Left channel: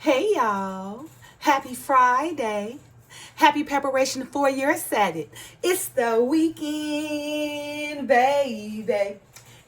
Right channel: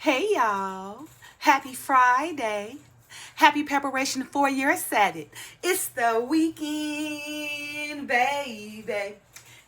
Hey y'all, happy Friday. Happy preparation for your Saturday. It's the weekend, baby.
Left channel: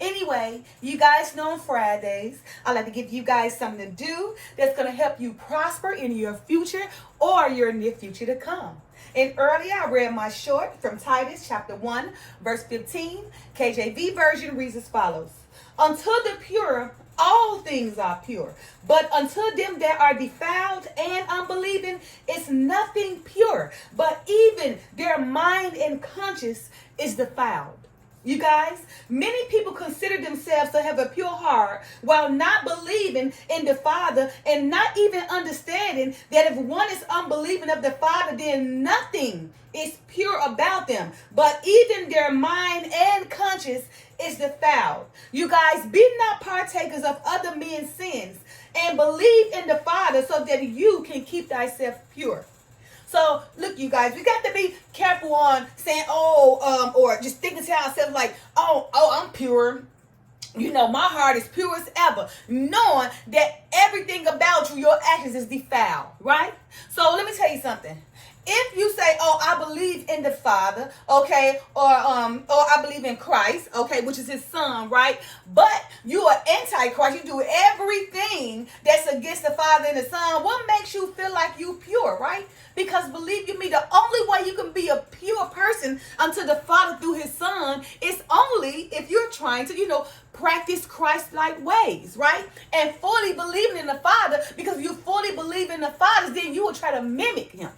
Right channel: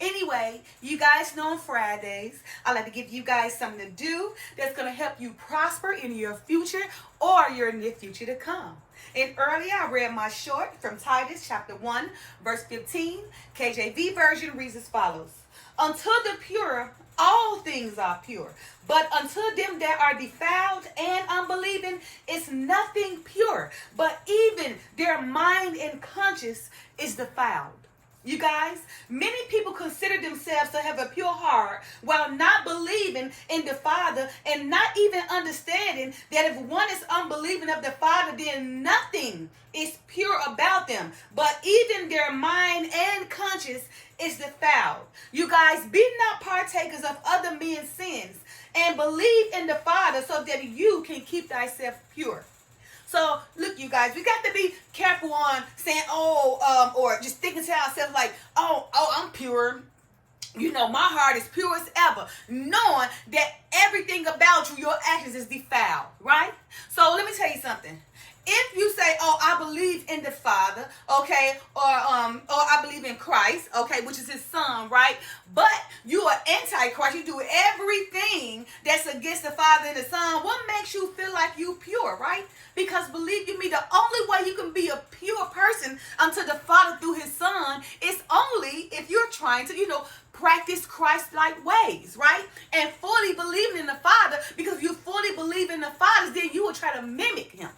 Anyway, you guys know on Fridays, I like to give you guys something to do that's going to help you prosper in your future or your near future to come. And earlier I read my short from Titus chapter 1, verse 15. KJV version reads as follows. Unto the pure, all things are pure. But unto them that are defiled and unbelieving is nothing pure. But even their mind and conscience is defiled. You guys, many people consider themselves to have a pure heart while not believing in the Father and not even understanding that if one is unbelieving of the Father, then nothing is pure about them. But even their mind and conscience is defiled. You guys, be not partakers of other men's sins and believe in the Father so that you can keep thyself pure. So, look, you guys, we got to be careful on saying, or just thinking to ourselves like, I'm pure. You know, my heart is pure as ever. Knowing that everything about you, your actions is defiled, right? So, let me tell you something. If you say, I believe in the Father, okay, or I believe in Christ, okay, which is his son, right? But you are anti-Christ, you do everything that's against the Father and the Son, what makes you feel like you pure, right? Because believe you me, the only way you can be a pure person unto the Father through his Son is only if you're trying to, practice Christ-like ways, right? And fully believing in the Father, because if you fully believe in the Father, then you will try to mimic him.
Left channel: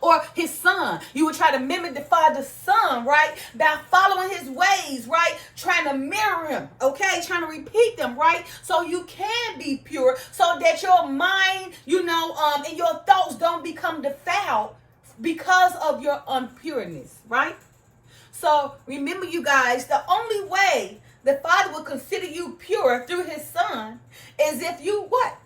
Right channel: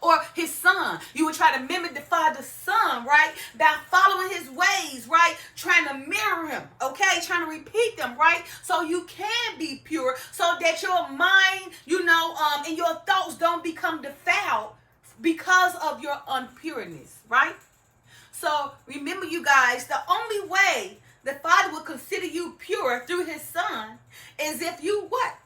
Or his son. You would try to mimic the Father's son, right? By following his ways, right? Trying to mirror him, okay? Trying to repeat them, right? So you can be pure so that your mind, and your thoughts don't become defiled because of your unpureness, right? So remember, you guys, the only way the Father will consider you pure through his son is if you what?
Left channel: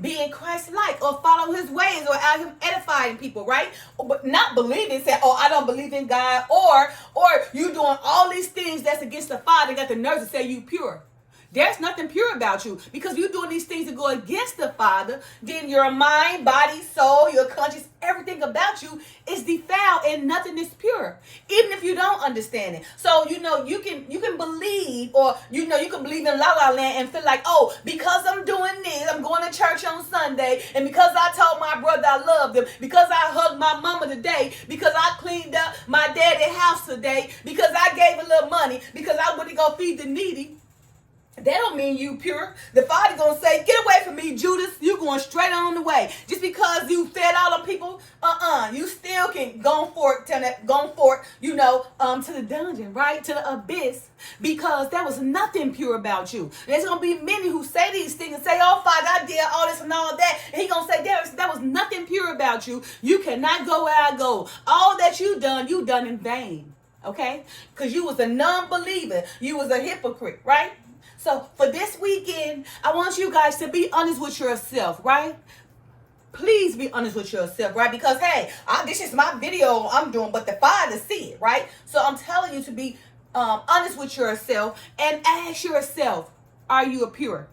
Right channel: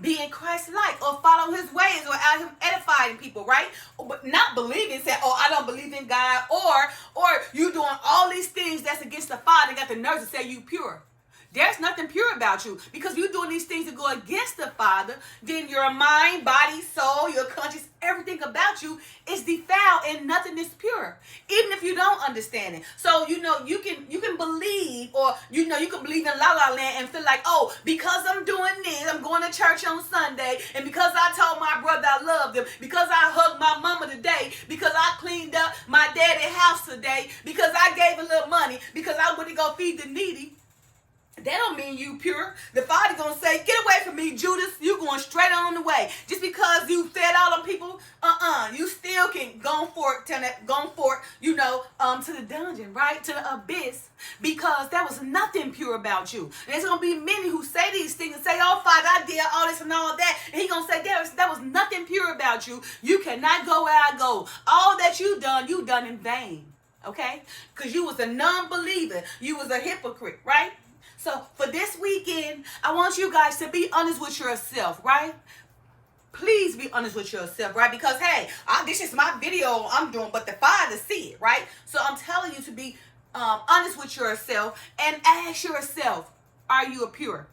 Being Christ-like or follow his ways or out him edifying people, right? But not believing, say, I don't believe in God, or you doing all these things that's against the Father, got the nerve to say you pure. There's nothing pure about you because you're doing these things that go against the Father. Then your mind, body, soul, your conscience, everything about you is defiled and nothing is pure, even if you don't understand it. So you can believe, or you can believe in La La Land and feel like, because I'm doing this, I'm going to church on Sunday, and because I told my brother I loved him, because I hugged my mama today, because I cleaned up my daddy's house today, because I gave a little money, because I went to go feed the needy. That don't mean you pure. The Father gonna say, get away from me, Judas. You going straight on the way. Just because you fed all them people, you still can go forth to the dungeon, right? To the abyss, because there was nothing pure about you. There's gonna be many who say these things and say, Father, I did all this and all that. And he gonna say, there was nothing pure about you. You cannot go where I go. All that you done in vain. Okay? Because you was a non-believer. You was a hypocrite, right? So for this weekend, I want you guys to be honest with yourself, right? Please be honest with yourself, right? Because, hey, this is my video I'm doing, but the Father see it, right? So I'm telling you to be honest with yourself and ask yourself, are you pure?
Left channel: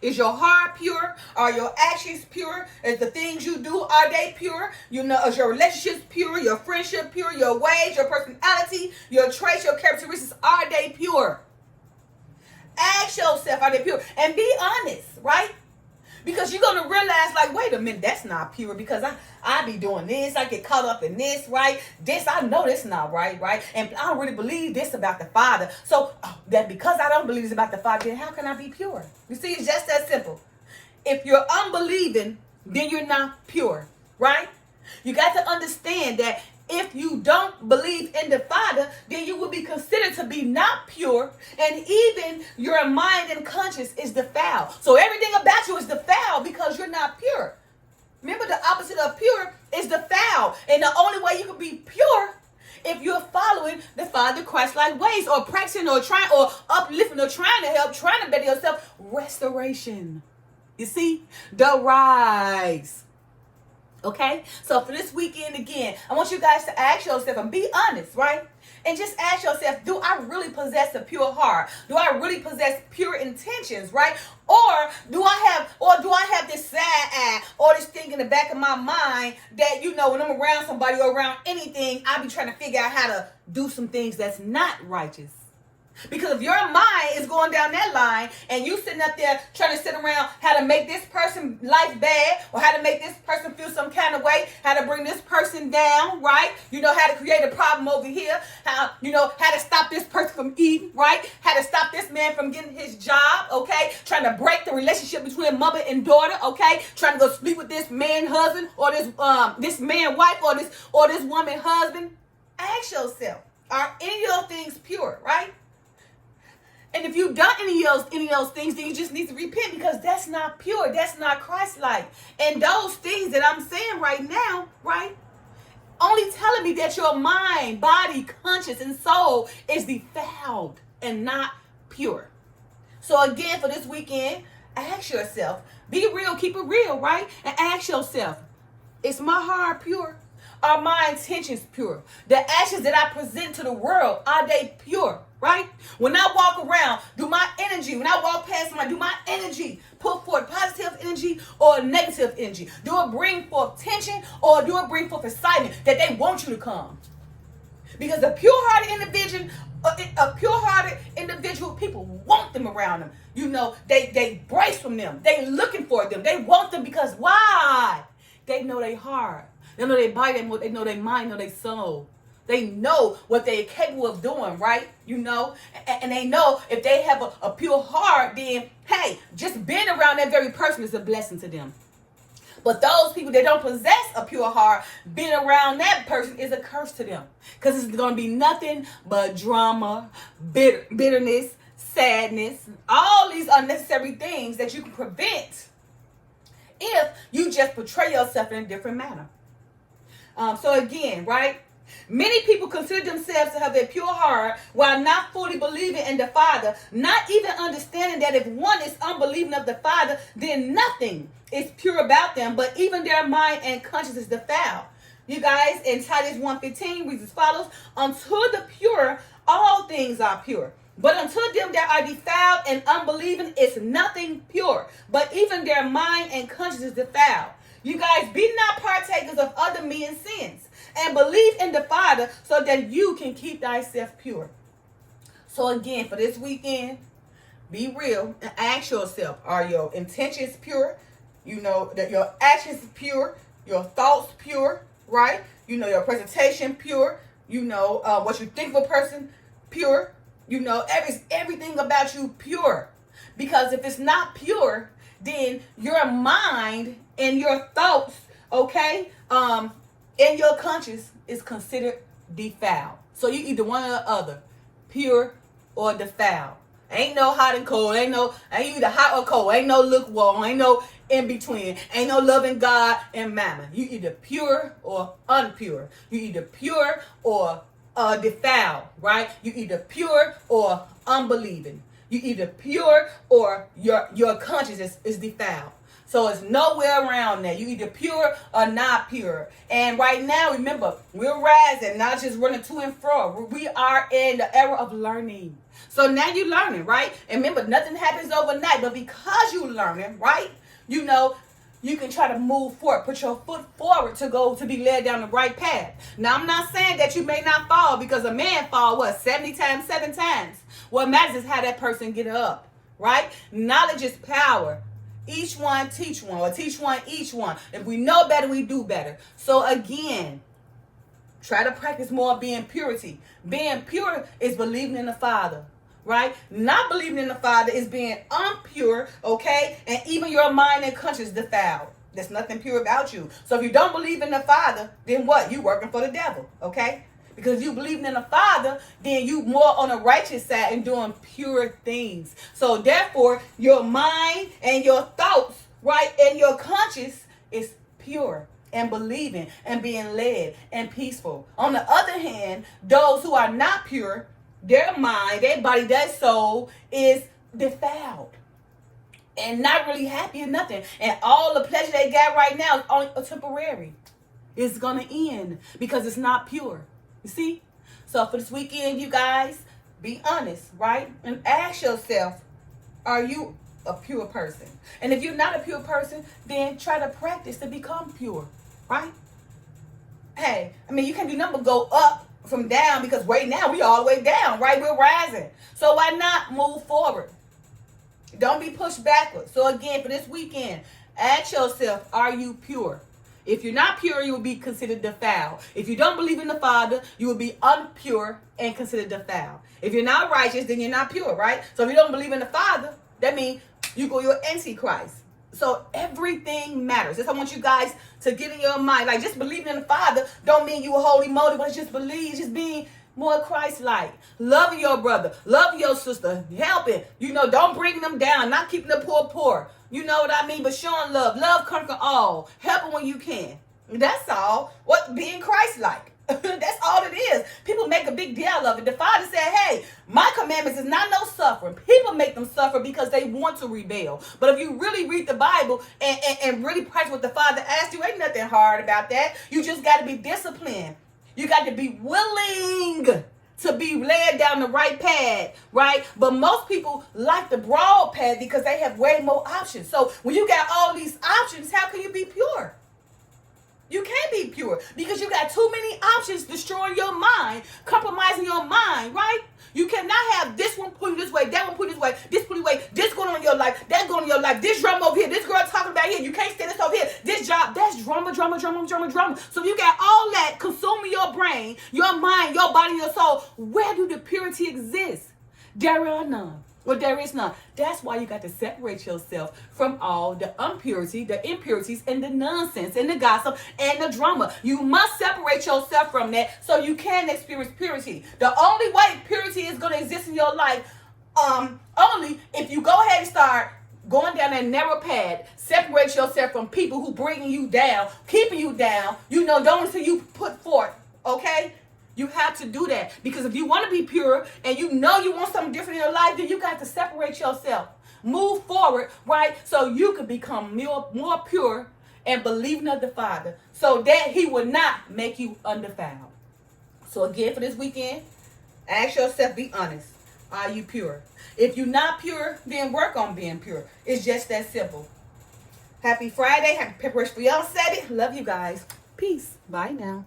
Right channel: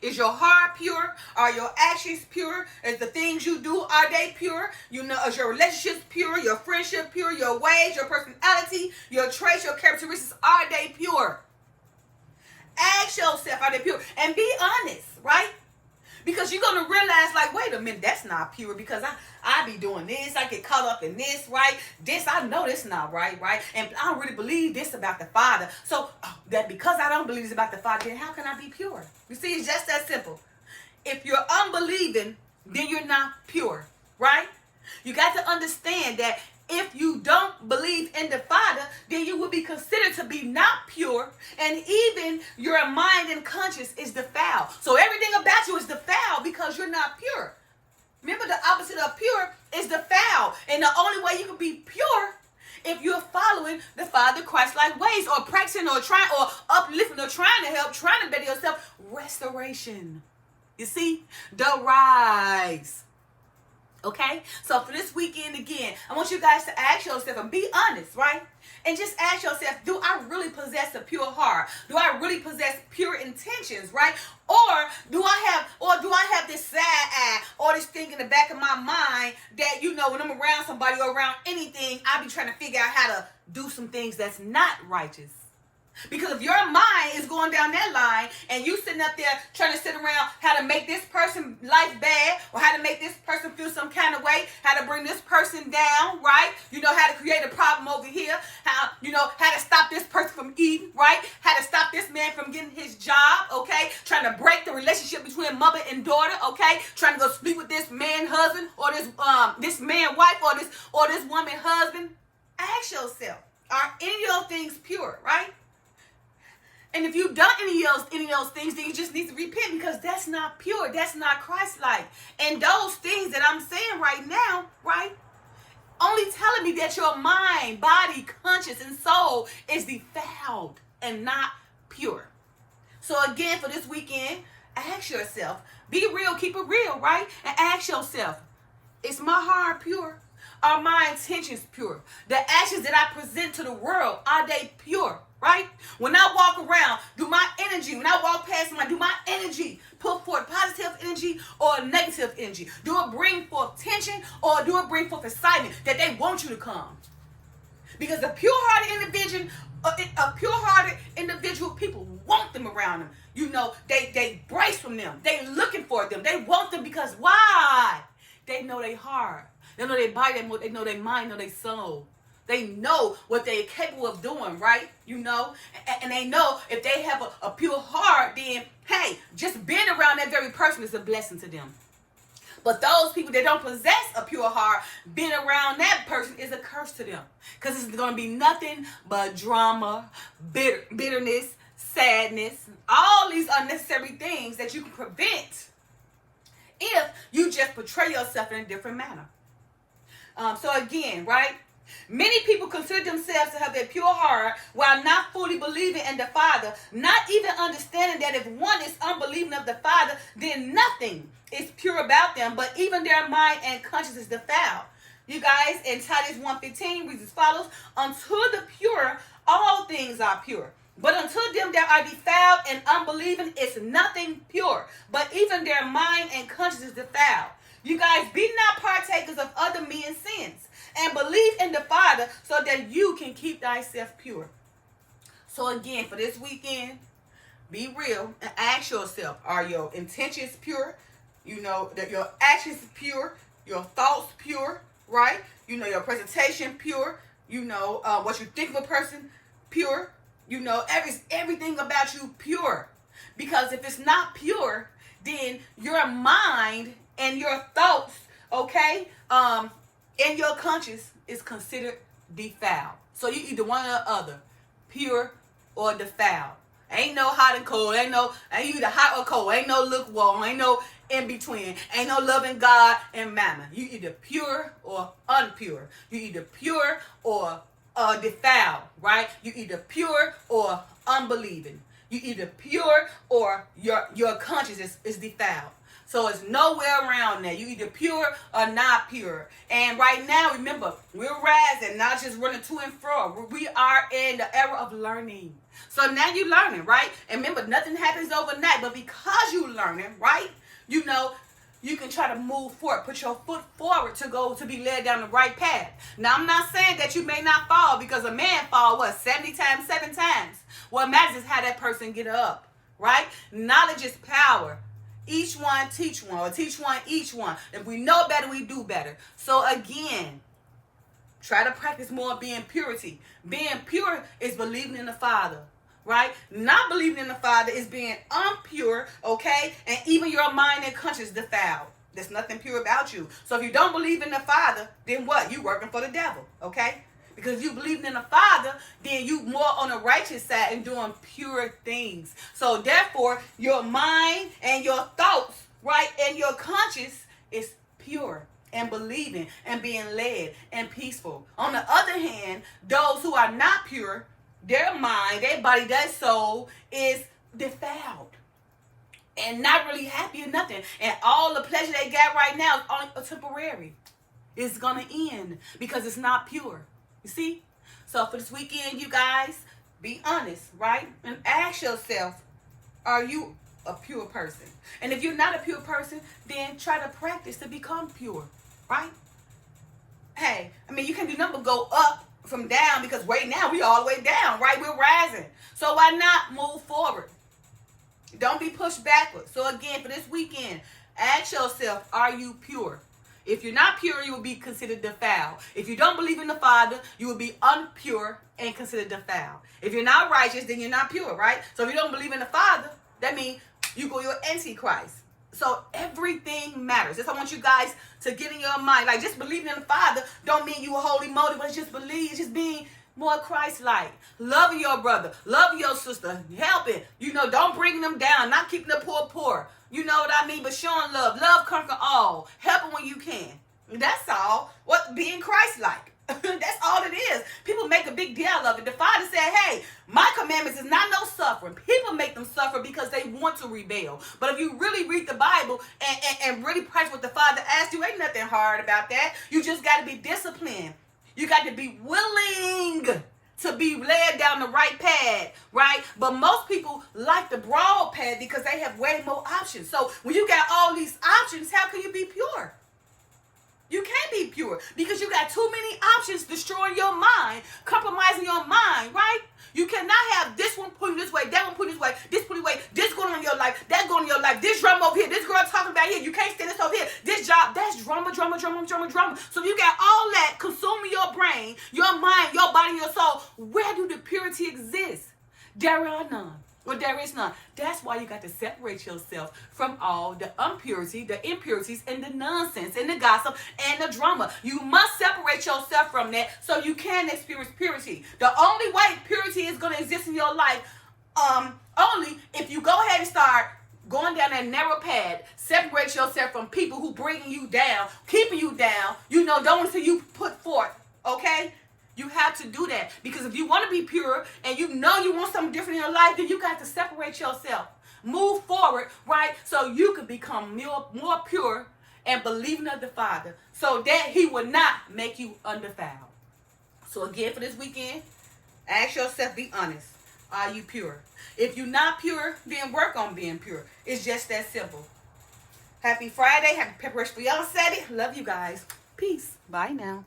Is your heart pure? Are your actions pure? Is the things you do, are they pure? Is your relationships pure? Your friendship pure? Your ways, your personality, your traits, your characteristics, are they pure? Ask yourself, are they pure? And be honest, right? Because you're going to realize, like, wait a minute, that's not pure because I be doing this. I get caught up in this, right? This, I know that's not right? And I don't really believe this about the Father. So that because I don't believe this about the Father, then how can I be pure? You see, it's just that simple. If you're unbelieving, then you're not pure, right? You got to understand that if you don't believe in the Father, then you will be considered to be not pure, and even your mind and conscience is defiled. So everything about you is defiled because you're not pure. Remember, the opposite of pure is defiled, and the only way you can be pure if you're following the Father Christ-like ways, or practicing, or trying, or uplifting, or trying to help, trying to better yourself. Restoration. You see, the rise. Okay, so for this weekend again, I want you guys to ask yourself and be honest, right? And just ask yourself, do I really possess a pure heart? Do I really possess pure intentions, right? Or do I have this sad eye? Or all this thing in the back of my mind that, when I'm around somebody or around anything, I be trying to figure out how to do some things that's not righteous. Because if your mind is going down that line and you sitting up there trying to sit around how to make this person life bad or how to make this person feel some kind of way, how to bring this person down, right? How to create a problem over here, how to stop this person from eating, right? How to stop this man from getting his job, okay? Trying to break the relationship between mother and daughter, okay? Trying to go sleep with this man husband or this man wife or this woman husband. Ask yourself, are any of those things pure, right? And if you've done any of those things, then you just need to repent, because that's not pure. That's not Christ-like. And those things that I'm saying right now, right, only telling me that your mind, body, conscience, and soul is defiled and not pure. So again, for this weekend, ask yourself, be real, keep it real, right? And ask yourself, is my heart pure? Are my intentions pure? The actions that I present to the world, are they pure? Right? When I walk around, when I walk past somebody, do my energy put forth positive energy or negative energy? Do it bring forth tension or do it bring forth excitement that they want you to come? Because a pure-hearted individual, people want them around them. They brace from them. They looking for them. They want them because why? They know their heart. They know their body. They know their mind. They know their soul. They know what they're capable of doing, right? And they know if they have a pure heart, then, hey, just being around that very person is a blessing to them. But those people that don't possess a pure heart, being around that person is a curse to them. Because it's going to be nothing but drama, bitterness, sadness, all these unnecessary things that you can prevent if you just portray yourself in a different manner. So again, right? Many people consider themselves to have a pure heart while not fully believing in the Father, not even understanding that if one is unbelieving of the Father, then nothing is pure about them, but even their mind and conscience is defiled. You guys, in Titus 1:15 reads as follows: unto the pure, all things are pure. But unto them that are defiled and unbelieving is nothing pure, but even their mind and conscience is defiled. You guys, be not partakers of other men's sins, and believe in the Father so that you can keep thyself pure. So again, for this weekend, be real and ask yourself, are your intentions pure? That your actions pure, your thoughts pure, right? Your presentation pure, what you think of a person pure, everything about you pure. Because if it's not pure, then your mind and your thoughts, okay, and your conscience is considered defiled. So you either one or the other, pure or defiled. Ain't no hot and cold. Ain't either hot or cold. Ain't no lukewarm. Ain't no in between. Ain't no loving God and mammon. You either pure or unpure. You either pure or defiled, right? You either pure or unbelieving. You either pure or your conscience is defiled. So it's nowhere around there. You either pure or not pure. And right now, remember, we're rising, not just running to and fro. We are in the era of learning. So now you're learning, right? And remember, nothing happens overnight. But because you're learning, right, you can try to move forward, put your foot forward to be led down the right path. Now, I'm not saying that you may not fall, because a man fall, 70 times, 7 times. What matters is how that person get up, right? Knowledge is power. Each one teach one, or teach one each one. If we know better, we do better. So again, try to practice more being purity. Being pure is believing in the Father, right? Not believing in the Father is being unpure, okay? And even your mind and conscience defiled. There's nothing pure about you. So if you don't believe in the Father, then what? You working for the devil, okay? Because if you believe in the Father, then you more on the righteous side and doing pure things. So therefore, your mind and your thoughts, right, and your conscience is pure and believing and being led and peaceful. On the other hand, those who are not pure, their mind, their body, their soul is defiled and not really happy or nothing. And all the pleasure they got right now is only temporary. It's going to end because it's not pure. You see? So for this weekend, you guys, be honest, right? And ask yourself, are you a pure person. And if you're not a pure person, then try to practice to become pure, right? Hey, I mean, you can't do nothing but go up from down, because right now we all the way down, right? We're rising. So why not move forward? Don't be pushed backwards. So again, for this weekend, ask yourself, are you pure? If you're not pure, you will be considered defiled. If you don't believe in the Father, you will be unpure and considered defiled. If you're not righteous, then you're not pure, right? So if you don't believe in the Father, that means you're Antichrist. So everything matters. That's I want you guys to get in your mind. Like, just believing in the Father don't mean you a holy moly, but just believe, just being more Christ-like. Love your brother, love your sister, helping. Don't bring them down, not keeping the poor. You know what I mean? But showing love. Love conquer all. Helping when you can. That's all. What being Christ-like. That's all it is. People make a big deal of it. The Father said, hey, my commandments is not no suffering. People make them suffer because they want to rebel. But if you really read the Bible and really practice what the Father asked you, ain't nothing hard about that. You just got to be disciplined. You got to be willing to be led down the right path, right? But most people like the broad path because they have way more options. So when you got all these options, how can you be pure? You can't be pure because you got too many options destroying your mind, compromising your mind, right? You cannot have this one put this way, that one put this way, this put this way, this going on in your life, that going on in your life, this drama over here, this girl talking about here, you can't stand this over here, this job, that's drama. So you got all that consuming your brain, your mind, your body, your soul. Where do the purity exist? There are none. Well, there is none. That's why you got to separate yourself from all the impurity, the impurities, and the nonsense, and the gossip, and the drama. You must separate yourself from that so you can experience purity. The only way purity is going to exist in your life, only if you go ahead and start going down that narrow path, separate yourself from people who bringing you down, keeping you down, don't until you put forth, okay? You have to do that, because if you want to be pure and you want something different in your life, then you got to separate yourself. Move forward, right? So you can become more pure and believing of the Father so that he will not make you undefiled. So again, for this weekend, ask yourself, be honest. Are you pure? If you're not pure, then work on being pure. It's just that simple. Happy Friday. Happy preparation for y'all Saturday. Love you guys. Peace. Bye now.